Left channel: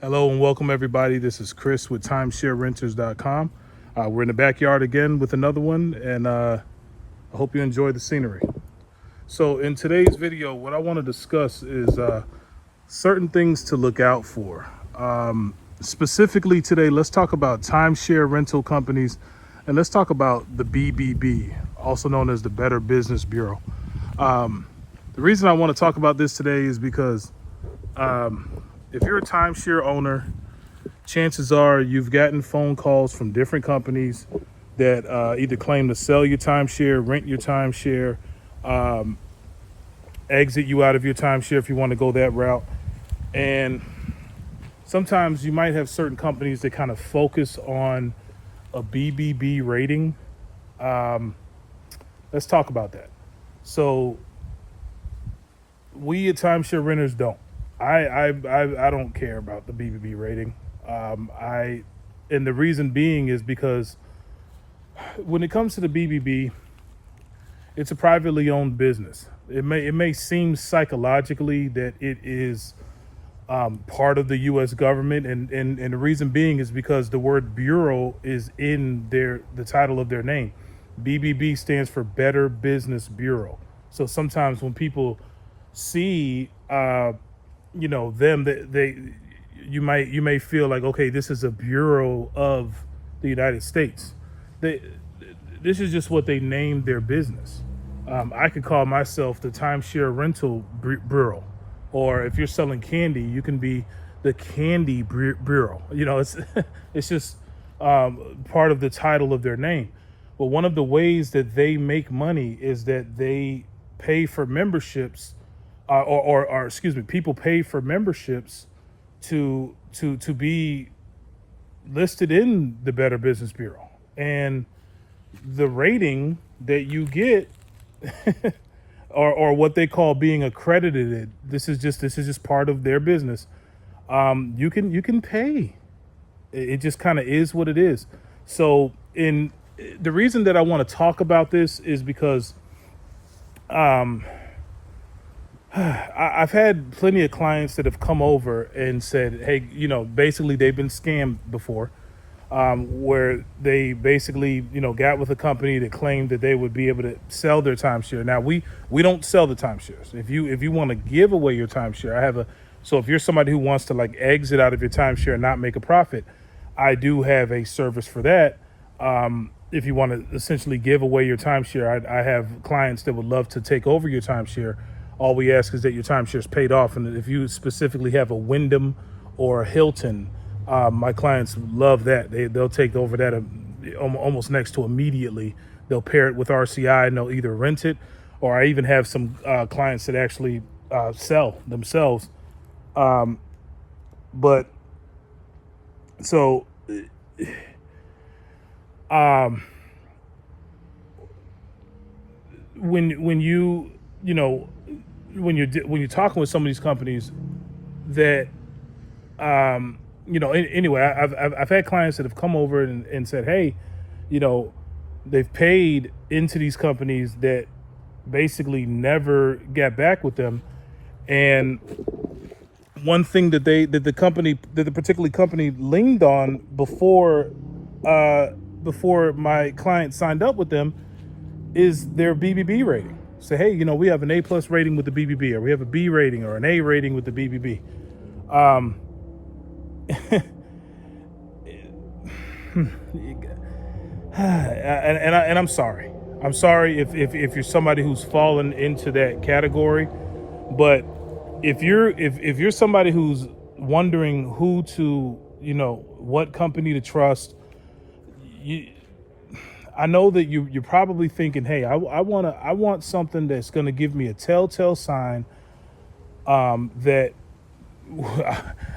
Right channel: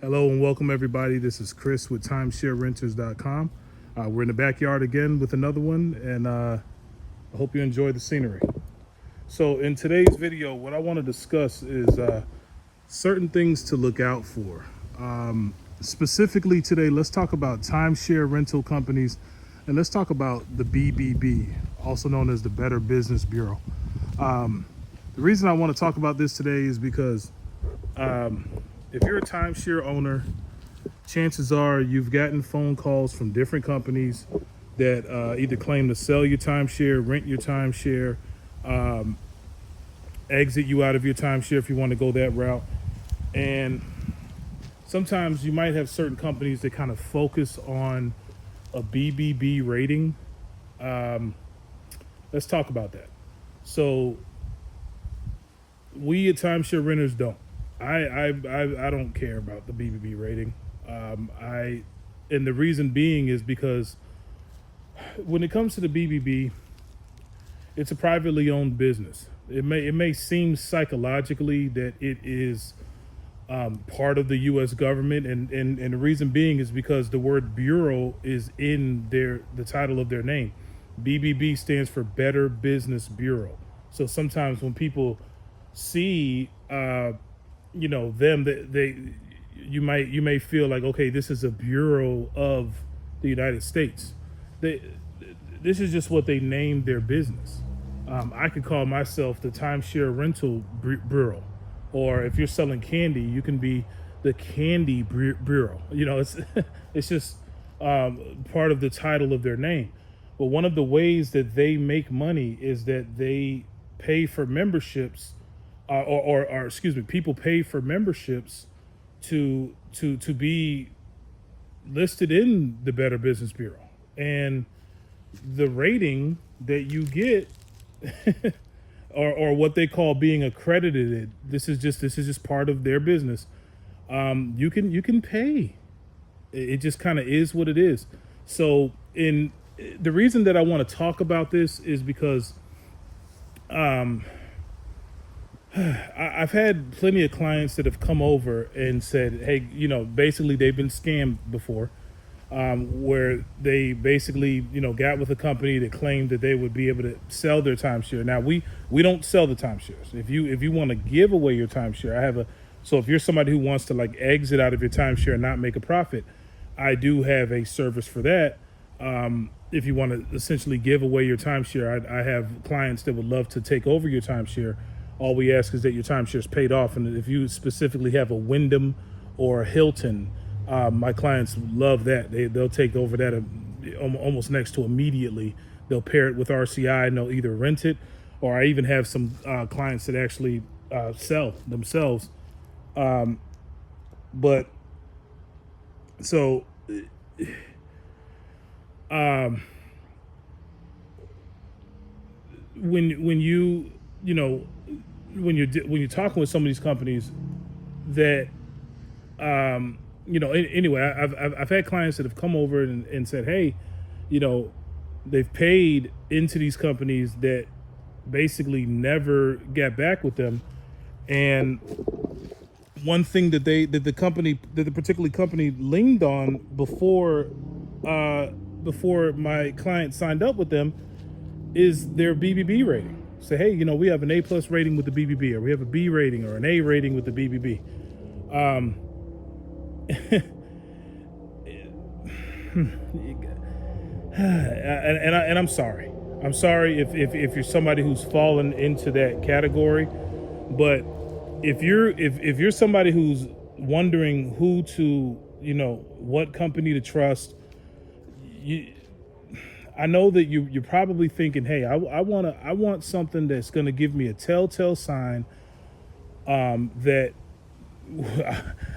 Hello and welcome everybody. This is Chris with timesharerenters.com. We're in the backyard again with another one, and I hope you enjoy the scenery. So in today's video, what I want to discuss is certain things to look out for. Specifically today, let's talk about timeshare rental companies, and let's talk about the BBB, also known as the Better Business Bureau. The reason I want to talk about this today is because if you're a timeshare owner, chances are you've gotten phone calls from different companies that either claim to sell your timeshare, rent your timeshare, exit you out of your timeshare if you want to go that route. And sometimes you might have certain companies that kind of focus on a BBB rating. Let's talk about that. So we at Timeshare Renters don't. I don't care about the BBB rating. And the reason being is because when it comes to the BBB, it's a privately owned business. It may seem psychologically that it is part of the U.S. government, and the reason being is because the word bureau is in the title of their name. BBB stands for Better Business Bureau. So sometimes when people see you may feel like, okay, this is a bureau of the United States. This is just what they named their business. I could call myself the Timeshare Rental Bureau, or if you're selling candy, you can be the Candy Bureau. It's just part of the title of their name. But one of the ways that they make money is that they pay for memberships. People pay for memberships to be listed in the Better Business Bureau, and the rating that you get, or what they call being accredited. This is just part of their business. You can pay. It just kind of is what it is. So, the reason that I want to talk about this is because I've had plenty of clients that have come over and said, hey, basically they've been scammed before, where they basically, got with a company that claimed that they would be able to sell their timeshare. Now, we don't sell the timeshares. If you want to give away your timeshare, so if you're somebody who wants to like exit out of your timeshare and not make a profit, I do have a service for that. If you want to essentially give away your timeshare, I have clients that would love to take over your timeshare. All we ask is that your timeshare is paid off. And if you specifically have a Wyndham or a Hilton, my clients love that. They'll take over that almost next to immediately. They'll pair it with RCI and they'll either rent it, or I even have some clients that actually sell themselves. When you're talking with some of these companies that, anyway, I've had clients that have come over and said, hey, they've paid into these companies that basically never got back with them. And one thing that the particular company leaned on before my client signed up with them is their BBB rating. Say, hey, we have an A+ rating with the BBB, or we have a B rating or an A rating with the BBB. And I'm sorry. I'm sorry if you're somebody who's fallen into that category, but if you're somebody who's wondering who to, what company to trust, I know that you're probably thinking, hey, I want something that's going to give me a telltale sign that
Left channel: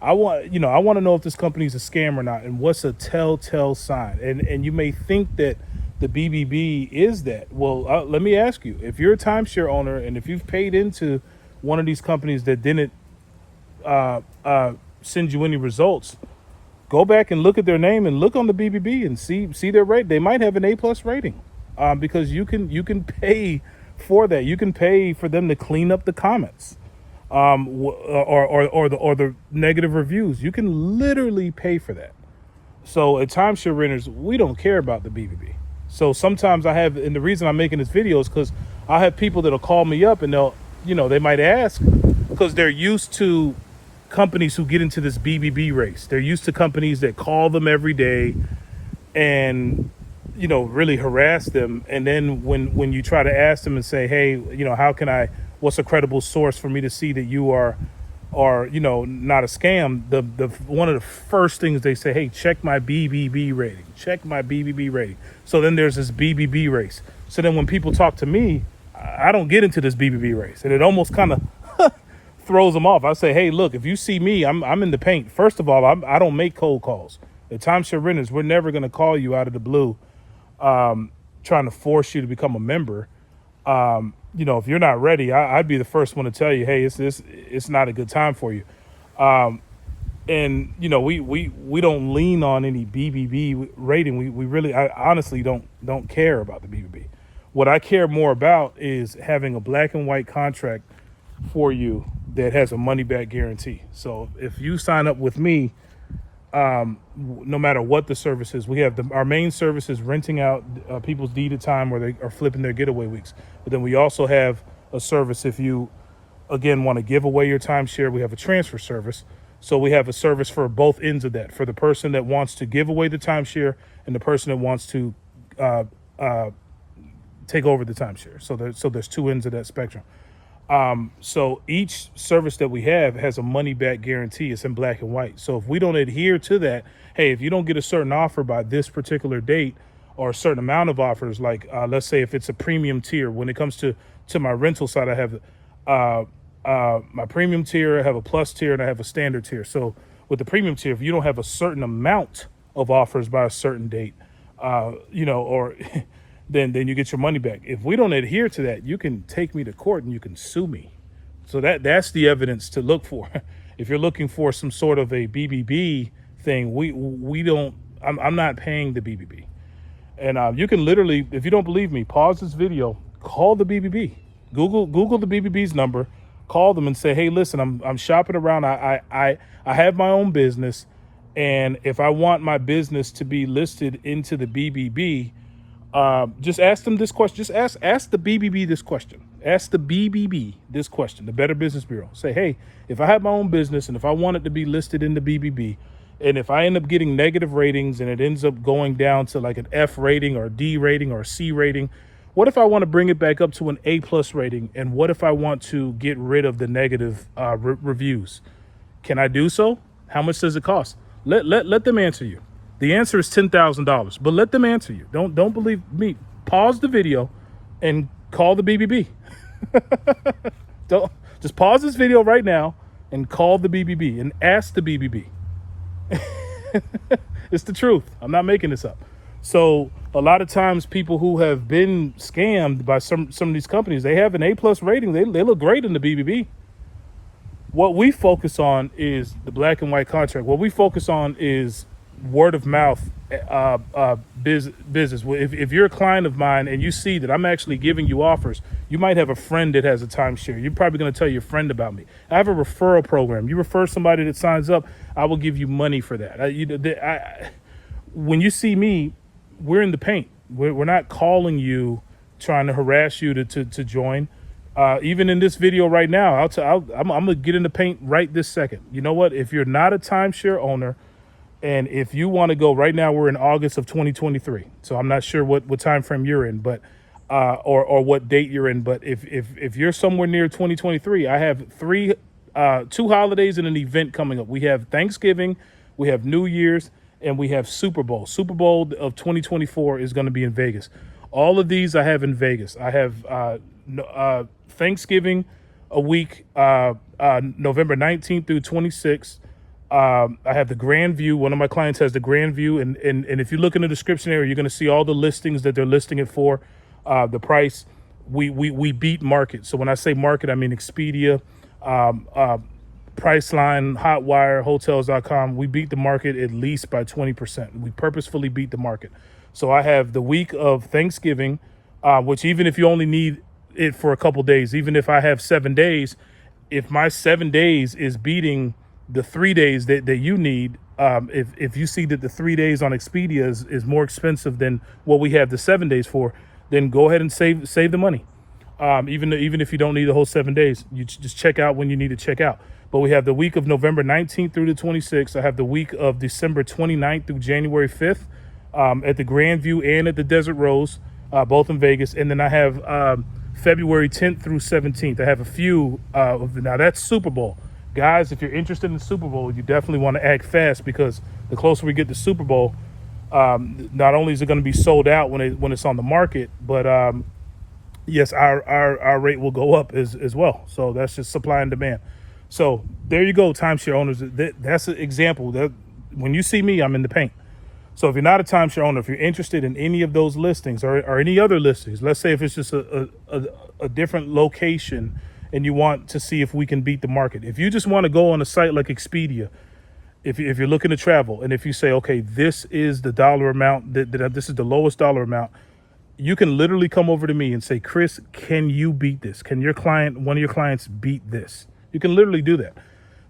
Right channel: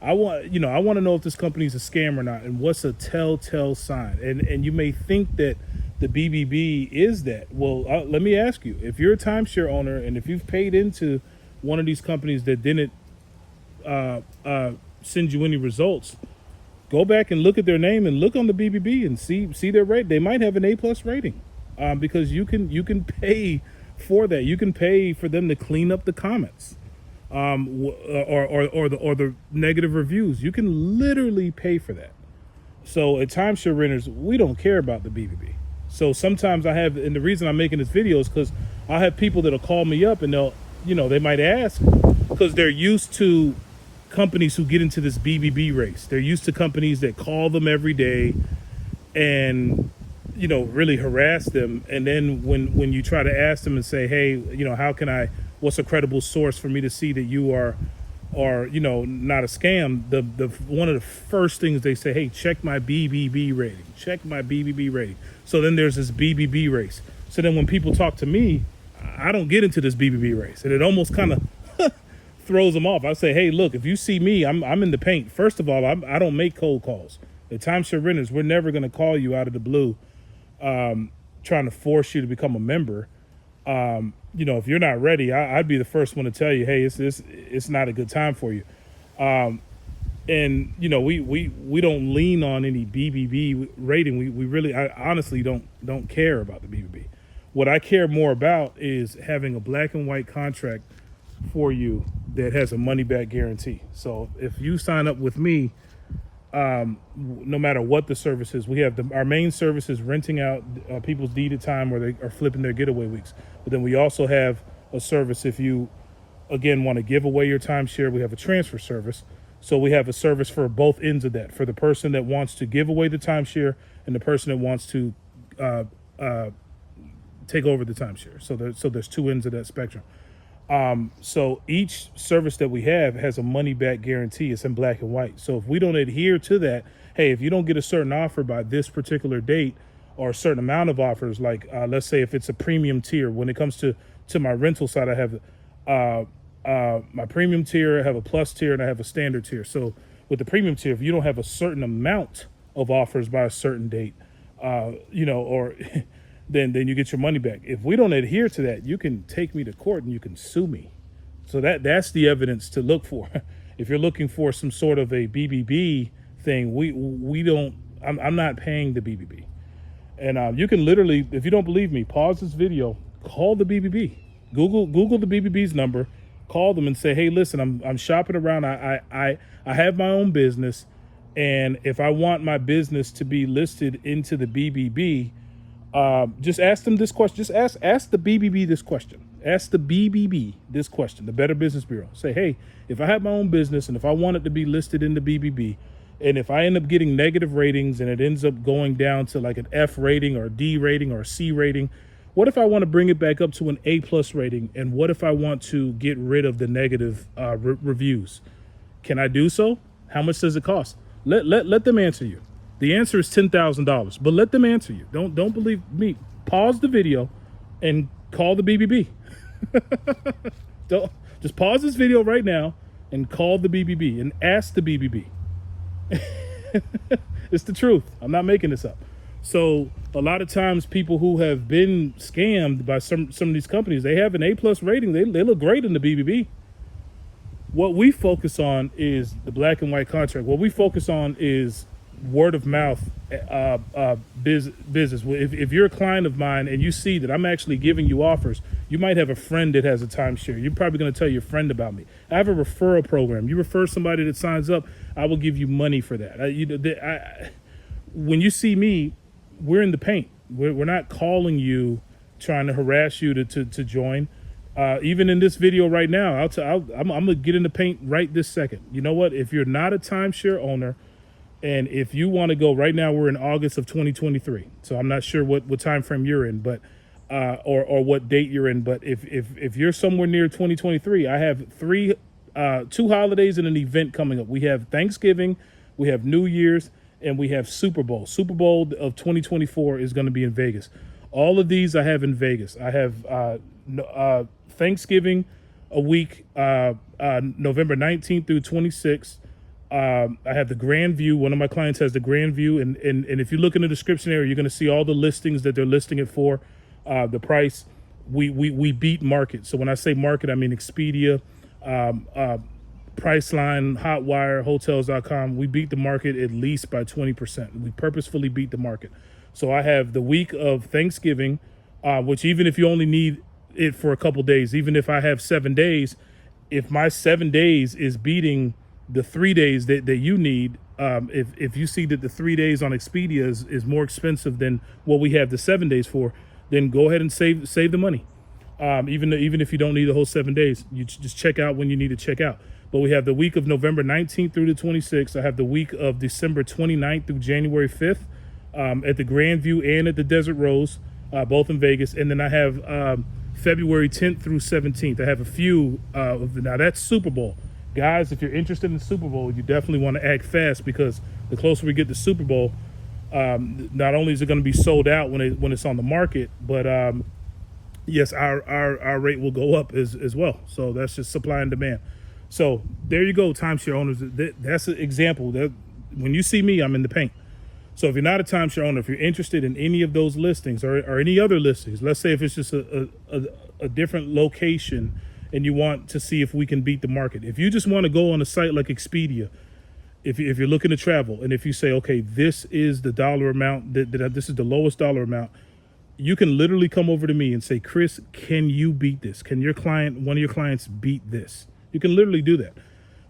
I want to know if this company's a scam or not, and what's a telltale sign. And you may think that the BBB is that. Well, let me ask you, if you're a timeshare owner and if you've paid into one of these companies that didn't send you any results, go back and look at their name and look on the BBB and see their rate. They might have an A+ rating, because you can pay for that. You can pay for them to clean up the comments. or the negative reviews. You can literally pay for that. So at Timeshare Renters, we don't care about the BBB. So sometimes and the reason I'm making this video is because I have people that'll call me up and they might ask, because they're used to companies who get into this BBB race. They're used to companies that call them every day and, really harass them. And then when you try to ask them and say, hey, what's a credible source for me to see that you are not a scam, the one of the first things they say, hey, check my BBB rating. So then there's this BBB race. So then when people talk to me, I don't get into this BBB race, and it almost kind of throws them off. I say, hey, look, if you see me, I'm in the paint. First of all, I don't make cold calls. At Timeshare Renters, we're never going to call you out of the blue, trying to force you to become a member. If you're not ready, I'd be the first one to tell you, hey, it's not a good time for you. We don't lean on any BBB rating. I honestly don't care about the BBB. What I care more about is having a black and white contract for you that has a money back guarantee. So if you sign up with me, no matter what the service is, we have our main service is renting out people's deeded time where they are flipping their getaway weeks. But then we also have a service if you, again, want to give away your timeshare. We have a transfer service. So we have a service for both ends of that, for the person that wants to give away the timeshare and the person that wants to take over the timeshare. So there's two ends of that spectrum. So each service that we have has a money back guarantee. It's in black and white. So if we don't adhere to that, hey, if you don't get a certain offer by this particular date or a certain amount of offers, like let's say if it's a premium tier, when it comes to my rental side, I have my premium tier, I have a plus tier, and I have a standard tier. So with the premium tier, if you don't have a certain amount of offers by a certain date, then you get your money back. If we don't adhere to that, you can take me to court and you can sue me. So that's the evidence to look for. If you're looking for some sort of a BBB thing, we don't. I'm not paying the BBB. And you can literally, if you don't believe me, pause this video, call the BBB, Google the BBB's number, call them and say, hey, listen, I'm shopping around. I have my own business, and if I want my business to be listed into the BBB, just ask them this question. Just ask the BBB this question. Ask the BBB this question, the Better Business Bureau. Say, hey, if I have my own business and if I want it to be listed in the BBB, and if I end up getting negative ratings and it ends up going down to like an F rating or D rating or C rating, what if I want to bring it back up to an A+ rating? And what if I want to get rid of the negative reviews? Can I do so? How much does it cost? Let them answer you. The answer is $10,000, but let them answer you. Don't believe me. Pause the video and call the BBB. Just pause this video right now and call the BBB and ask the BBB. It's the truth. I'm not making this up. So a lot of times people who have been scammed by some of these companies, they have an A+ rating. They look great in the BBB. What we focus on is the black and white contract. What we focus on is word of mouth business. If you're a client of mine and you see that I'm actually giving you offers, you might have a friend that has a timeshare. You're probably going to tell your friend about me. I have a referral program. You refer somebody that signs up, I will give you money for that. When you see me, we're in the paint. We're not calling you, trying to harass you to join. Even in this video right now, I'm going to get in the paint right this second. You know what? If you're not a timeshare owner, and if you want to go right now, we're in August of 2023. So I'm not sure what time frame you're in, but or what date you're in. But if you're somewhere near 2023, I have two holidays and an event coming up. We have Thanksgiving, we have New Year's, and we have Super Bowl. Super Bowl of 2024 is going to be in Vegas. All of these I have in Vegas. I have Thanksgiving a week, November 19th through 26th. I have the Grand View. One of my clients has the Grand View, and if you look in the description area, you're going to see all the listings that they're listing it for. The price, we beat market. So when I say market, I mean Expedia, Priceline, Hotwire, Hotels.com. We beat the market at least by 20%. We purposefully beat the market. So I have the week of Thanksgiving, which even if you only need it for a couple days, even if I have 7 days, if my 7 days is beating the 3 days that you need, if you see that the 3 days on Expedia is more expensive than what we have the 7 days for, then go ahead and save the money. Even if you don't need the whole 7 days, you just check out when you need to check out. But we have the week of November 19th through the 26th. I have the week of December 29th through January 5th at the Grandview and at the Desert Rose, both in Vegas. And then I have February 10th through 17th. I have a few now that's Super Bowl. Guys, if you're interested in the Super Bowl, you definitely want to act fast, because the closer we get to Super Bowl, not only is it going to be sold out when it's on the market, but yes, our rate will go up as well. So that's just supply and demand. So there you go, timeshare owners. That's an example. That when you see me, I'm in the paint. So if you're not a timeshare owner, if you're interested in any of those listings or any other listings, let's say if it's just a different location and you want to see if we can beat the market. If you just want to go on a site like Expedia, if you're looking to travel, and if you say, okay, this is the dollar amount, this is the lowest dollar amount, you can literally come over to me and say, Chris, can you beat this? Can one of your clients beat this? You can literally do that.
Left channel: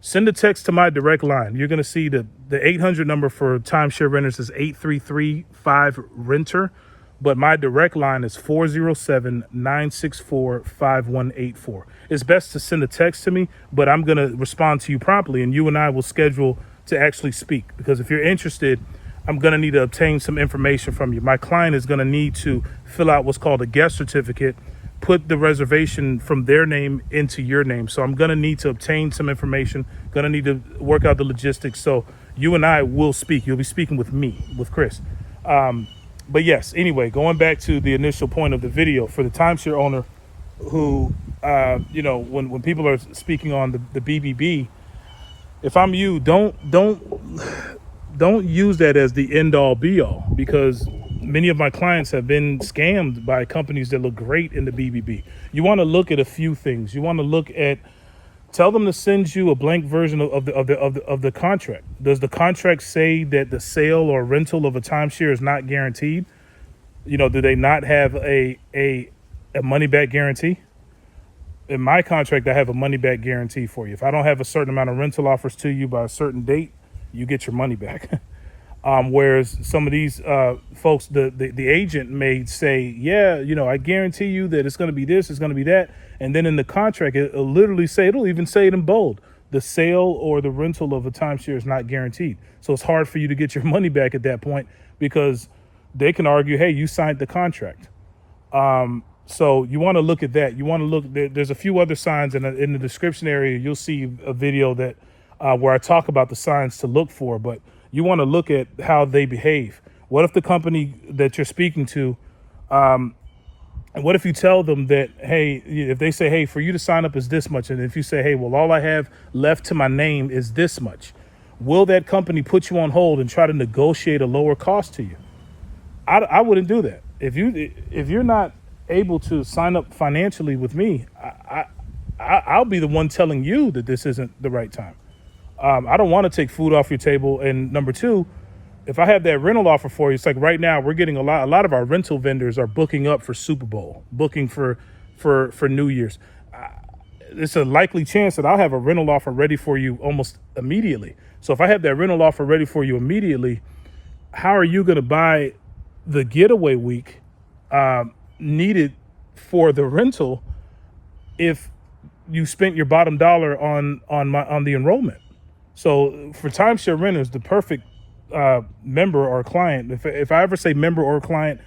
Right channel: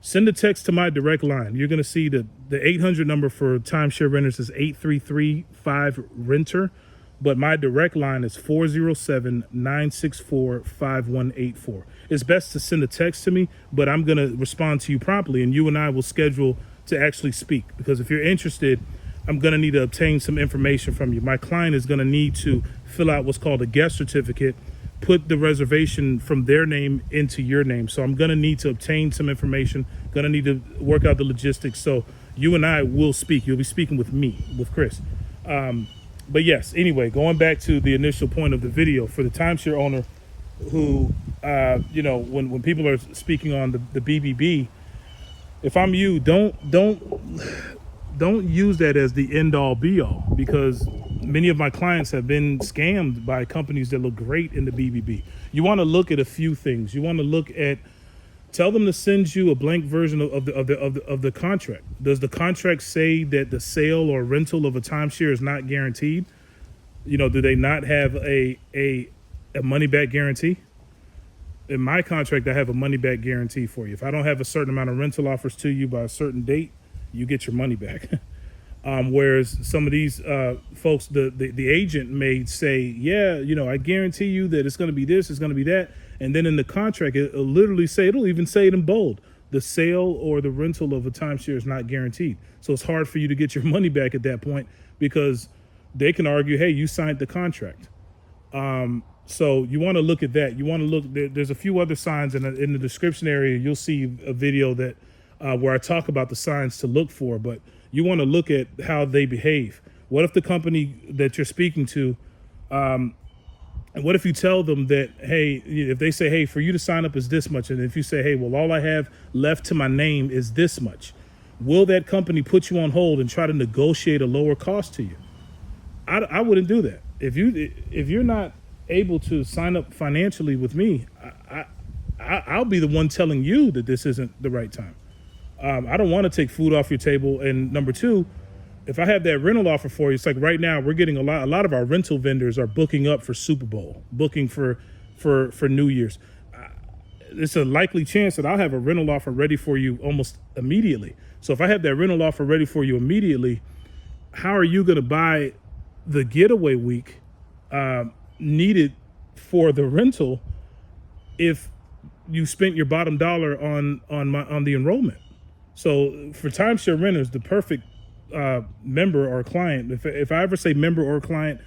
Send a text to my direct line. You're going to see the 800 number for Timeshare Renters is 8335-RENTER, but my direct line is 407-964-5184. It's best to send a text to me, but I'm going to respond to you promptly, and you and I will schedule to actually speak, because if you're interested, I'm going to need to obtain some information from you. My client is going to need to fill out what's called a guest certificate, put the reservation from their name into your name. So I'm going to need to obtain some information, going to need to work out the logistics. So you and I will speak. You'll be speaking with me, with Chris. But yes, anyway, going back to the initial point of the video, for the timeshare owner who, when people are speaking on the BBB, if I'm you, don't use that as the end all be all, because many of my clients have been scammed by companies that look great in the BBB. You want to look at a few things. You want to tell them to send you a blank version of the contract. Does the contract say that the sale or rental of a timeshare is not guaranteed? Do they not have a money back guarantee? In my contract, I have a money back guarantee for you. If I don't have a certain amount of rental offers to you by a certain date, you get your money back. Whereas some of these folks, the agent may say, yeah, I guarantee you that it's going to be this, it's going to be that. And then in the contract, it'll even say it in bold: the sale or the rental of a timeshare is not guaranteed. So it's hard for you to get your money back at that point, because they can argue, hey, you signed the contract. So you want to look at that. You want to look, there's a few other signs in the description area. You'll see a video that where I talk about the signs to look for, but you want to look at how they behave. What if the company that you're speaking to, and what if you tell them that, hey, if they say, hey, for you to sign up is this much, and if you say, hey, well, all I have left to my name is this much, will that company put you on hold and try to negotiate a lower cost to you? I wouldn't do that. If you're not able to sign up financially with me, I'll be the one telling you that this isn't the right time. I don't want to take food off your table. And number two, if I have that rental offer for you, it's like right now we're getting a lot of our rental vendors are booking up for Super Bowl, booking for New Year's. It's a likely chance that I'll have a rental offer ready for you almost immediately. So if I have that rental offer ready for you immediately, how are you going to buy the getaway week needed for the rental if you spent your bottom dollar on the enrollment? So for timeshare renters, the perfect member or client, if I ever say member or client,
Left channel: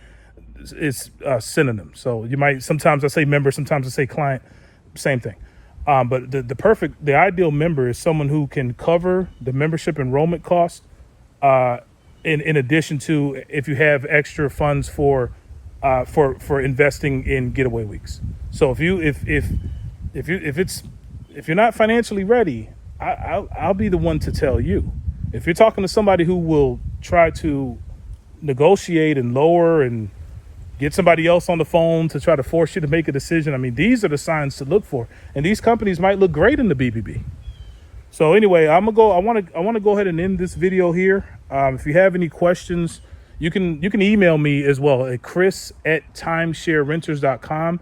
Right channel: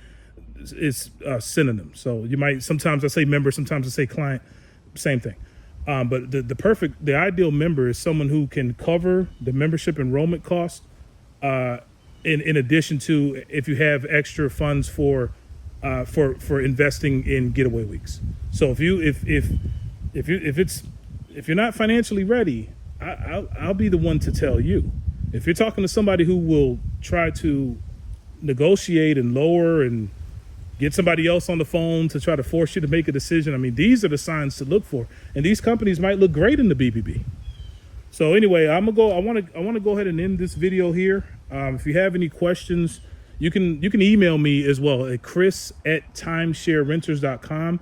it's synonym. So sometimes I say member, sometimes I say client, same thing. But the ideal member is someone who can cover the membership enrollment cost, in addition to if you have extra funds for investing in getaway weeks. So if you're not financially ready, I'll be the one to tell you. If you're talking to somebody who will try to negotiate and lower and get somebody else on the phone to try to force you to make a decision, I mean, these are the signs to look for. And these companies might look great in the BBB. So anyway, I want to go ahead and end this video here. If you have any questions, you can email me as well at chris@timesharerenters.com.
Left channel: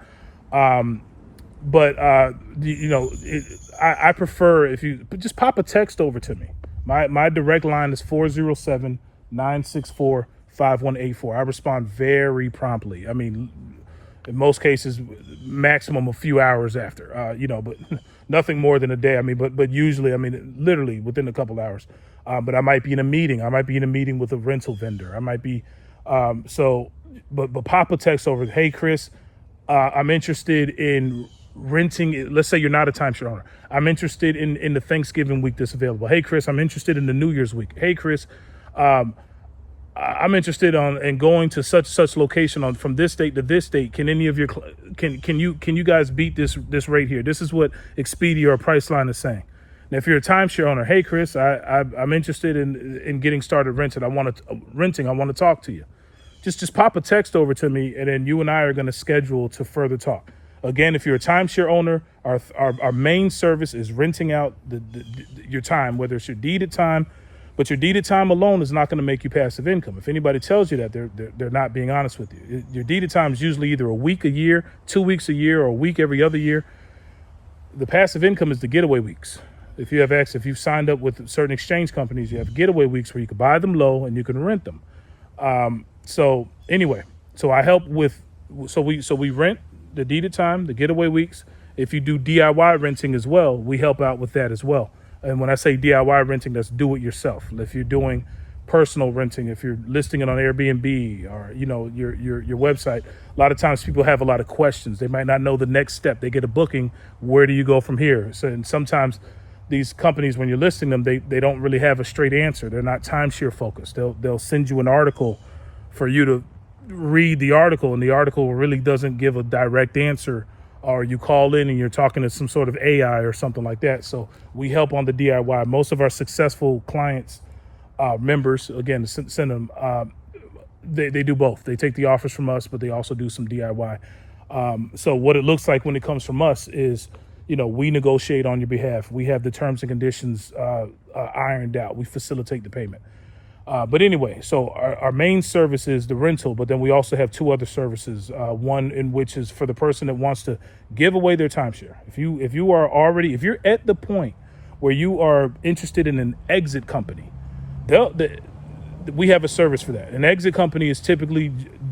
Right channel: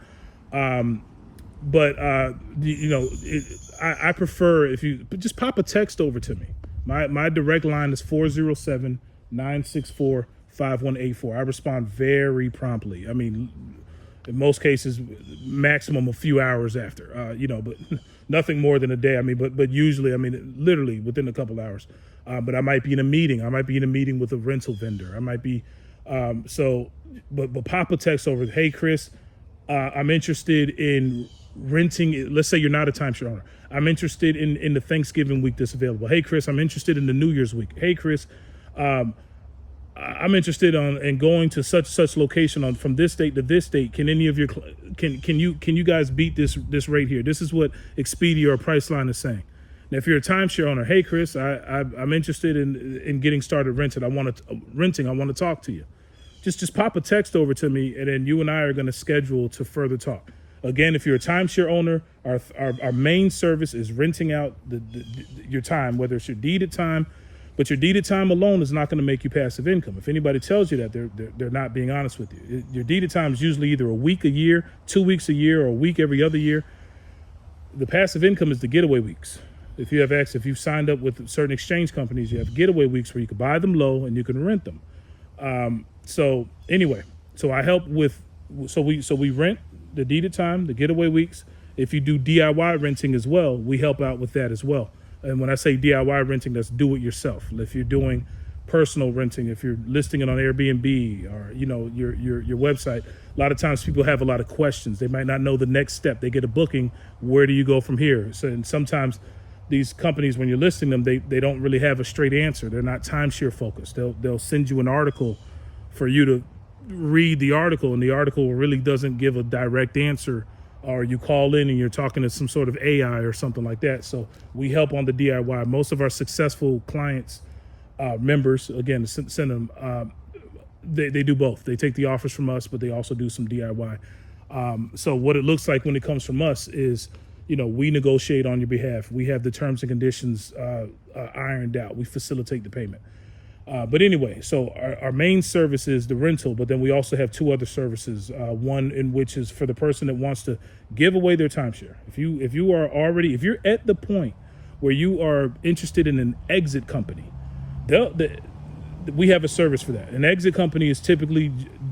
I prefer if you just pop a text over to me. My direct line is 407-964-5184. I respond very promptly. I mean, in most cases, maximum a few hours after, but nothing more than a day. I mean, but usually, I mean, literally within a couple hours. But I might be in a meeting. I might be in a meeting with a rental vendor. I might be, but pop a text over. Hey, Chris, I'm interested in renting. Let's say you're not a timeshare owner. I'm interested in the Thanksgiving week that's available. Hey, Chris, I'm interested in the New Year's week. Hey, Chris, I'm interested in going to such location from this date to this date. Can any of your can you guys beat this rate here? This is what Expedia or Priceline is saying. Now, if you're a timeshare owner, hey Chris, I'm interested in getting started renting. I want to talk to you. Just pop a text over to me, and then you and I are going to schedule to further talk. Again, if you're a timeshare owner, our main service is renting out your time, whether it's your deeded time. But your deeded time alone is not going to make you passive income. If anybody tells you that, they're not being honest with you. Your deeded time is usually either a week a year, 2 weeks a year, or a week every other year. The passive income is the getaway weeks. If you've signed up with certain exchange companies, you have getaway weeks where you can buy them low and you can rent them. So I help with we rent the deeded time, the getaway weeks. If you do DIY renting as well, we help out with that as well. And when I say DIY renting, that's do it yourself. If you're doing personal renting, if you're listing it on Airbnb or your website, a lot of times people have a lot of questions. They might not know the next step. They get a booking. Where do you go from here? So, and sometimes these companies, when you're listing them, they don't really have a straight answer. They're not timeshare focused. They'll send you an article for you to read the article, and the article really doesn't give a direct answer. Or you call in and you're talking to some sort of AI or something like that. So we help on the DIY. Most of our successful clients, members, again, send them, they do both. They take the offers from us, but they also do some DIY. So what it looks like when it comes from us is, we negotiate on your behalf. We have the terms and conditions ironed out. We facilitate the payment. But anyway, so our main service is the rental, but then we also have two other services. One in which is for the person that wants to give away their timeshare. If you're at the point where you are interested in an exit company, we have a service for that. An exit company is typically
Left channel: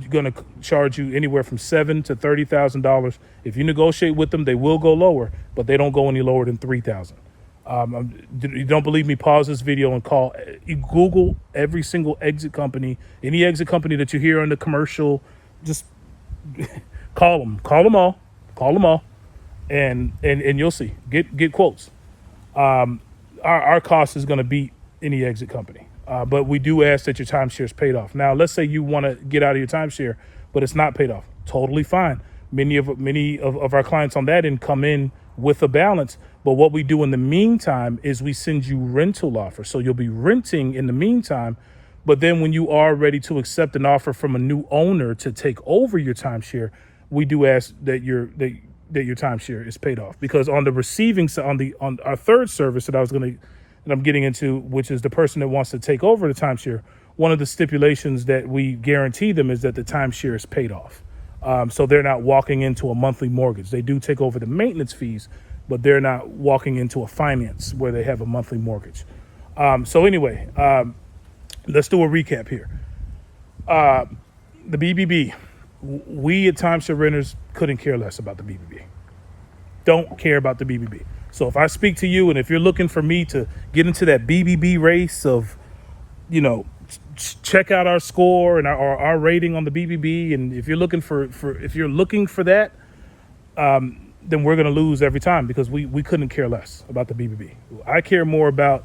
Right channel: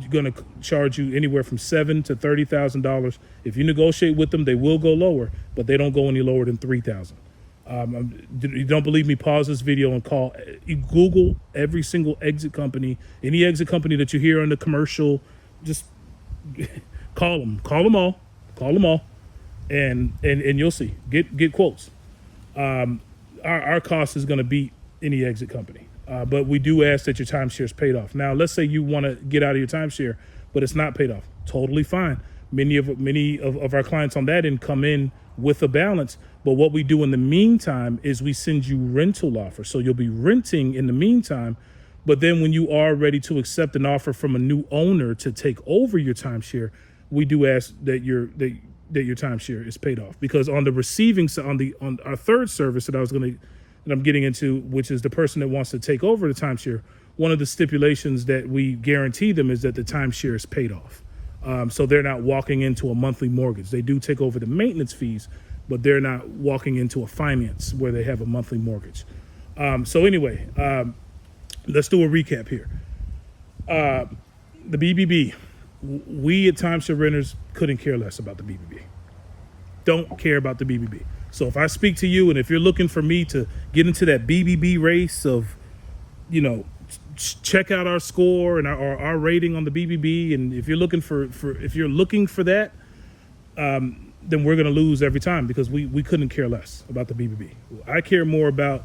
going to charge you anywhere from $7,000 to $30,000. If you negotiate with them, they will go lower, but they don't go any lower than $3,000. You don't believe me? Pause this video and Google every single exit company, any exit company that you hear on the commercial. Just call them all, and you'll see. Get quotes. Our cost is going to beat any exit company, but we do ask that your timeshare is paid off. Now, let's say you want to get out of your timeshare, but it's not paid off. Totally fine. Many of our clients on that end come in with a balance. But what we do in the meantime is we send you rental offers. So you'll be renting in the meantime, but then when you are ready to accept an offer from a new owner to take over your timeshare, we do ask that your timeshare is paid off. Because on the receiving side, on our third service that I'm getting into, which is the person that wants to take over the timeshare, one of the stipulations that we guarantee them is that the timeshare is paid off. So they're not walking into a monthly mortgage. They do take over the maintenance fees, but they're not walking into a finance where they have a monthly mortgage. So anyway, let's do a recap here. The BBB, we at Timeshare Renters couldn't care less about the BBB. Don't care about the BBB. So if I speak to you and if you're looking for me to get into that BBB race of, check out our score and our rating on the BBB, and if you're looking for that, then we're going to lose every time, because we couldn't care less about the BBB. I care more about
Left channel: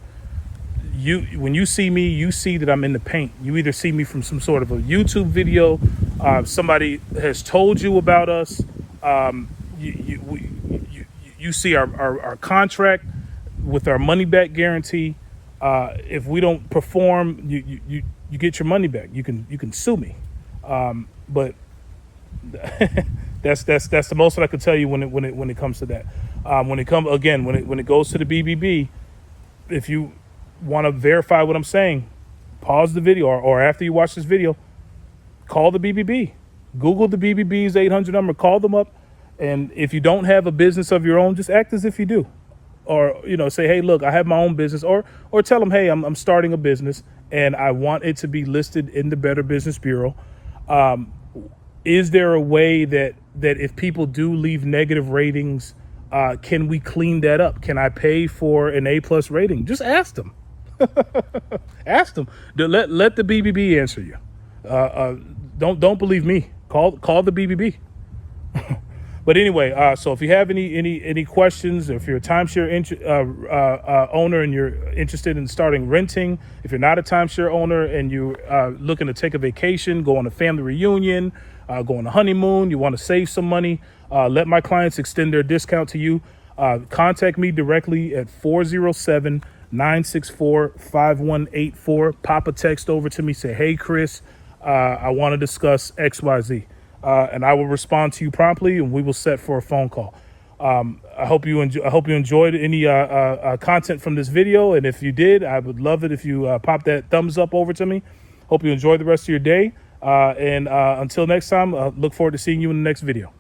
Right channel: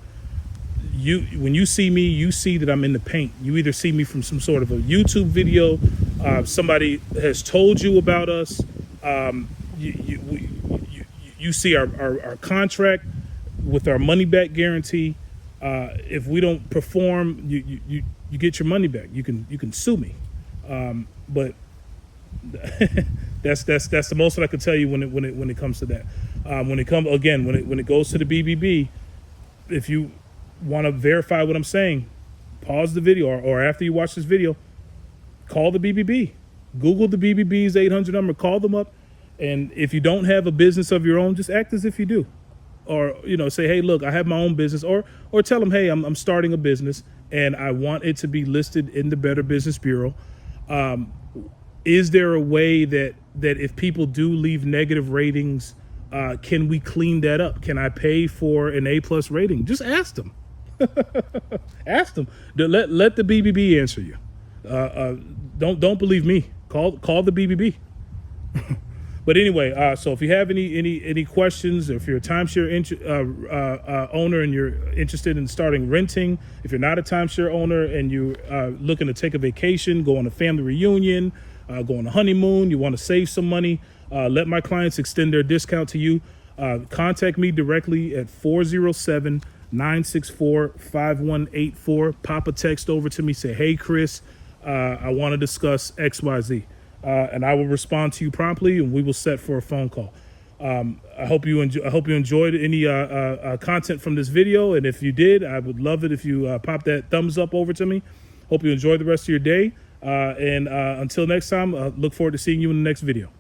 you. When you see me, you see that I'm in the paint. You either see me from some sort of a YouTube video, somebody has told you about us, you see our contract with our money back guarantee. If we don't perform, you get your money back. You can sue me, but that's the most that I can tell you when it comes to that. When it goes to the BBB, if you want to verify what I'm saying, pause the video, or after you watch this video, call the BBB. Google the BBB's 800 number, call them up, and if you don't have a business of your own, just act as if you do. or say, hey, look, I have my own business, or tell them, hey, I'm starting a business and I want it to be listed in the Better Business Bureau. Is there a way that if people do leave negative ratings, can we clean that up? Can I pay for an A+ rating? Just ask them. Ask them. Let the BBB answer you. Don't believe me. Call the BBB. But anyway, so if you have any questions, if you're a timeshare owner and you're interested in starting renting, if you're not a timeshare owner and you're looking to take a vacation, go on a family reunion, go on a honeymoon, you want to save some money, let my clients extend their discount to you. Contact me directly at 407-964-5184. Pop a text over to me. Say, hey, Chris, I want to discuss XYZ. And I will respond to you promptly, and we will set for a phone call. I hope you enjoyed any content from this video, and if you did, I would love it if you pop that thumbs up over to me. Hope you enjoy the rest of your day, and until next time, look forward to seeing you in the next video.